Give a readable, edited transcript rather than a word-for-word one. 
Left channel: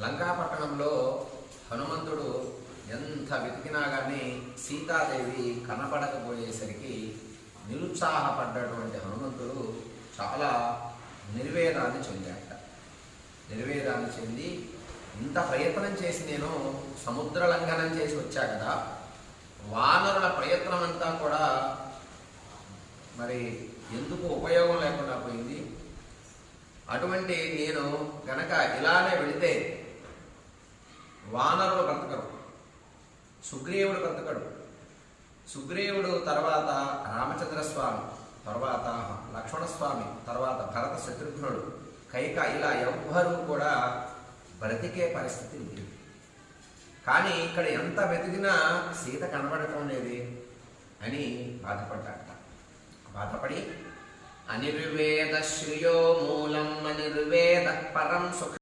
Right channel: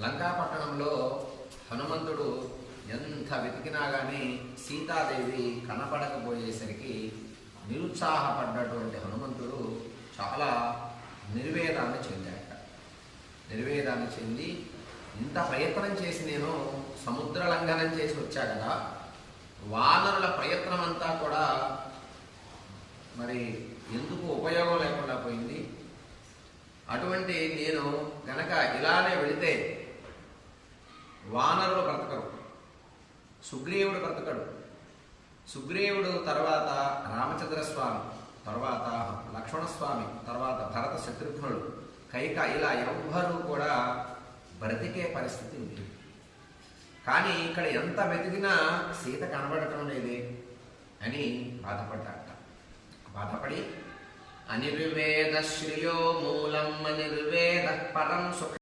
లంకాపట్టణంలో హనుమంతుడు ఎంత వెతికినా కానీ సీతాదేవి కనపడకపోయేసరికి నిరుత్సాహపడ్డటువంటి హనుమంతుడు చాలా నిర్వేదాన్ని చెందాట. నిర్వేదాన్ని చెంది ఇంత ప్రయత్నం చేసి నేను సముద్ర లంఘనం చేసి వచ్చా కదా, వానరుల ప్రయత్నం అంతా కూడా మరి ఎందుకు ఉపయోగం లేకుండా పోయింది. అటువంటి నేను గనక ఇలానే వెళితే వానరులు బ్రతకరు, సుగ్రీవుడు బ్రతకడు. సుగ్రీవుడు తర్వాత రామచంద్రస్వామి, తర్వాత లక్ష్మణస్వామి, తర్వాత భరత శత్రుఘ్నుడు, కైక, ఇలా ఎవ్వరూ కూడా బ్రతికే పరిస్థితి ఉంది. కానీ ఇక్కడ ఎంత వెతికినా సీత కనబడటం లేదే అని బాధపడ్డాట. బాధపడి అనిర్వేద శ్రియో మూలం అనిర్వేద పరం సుఖ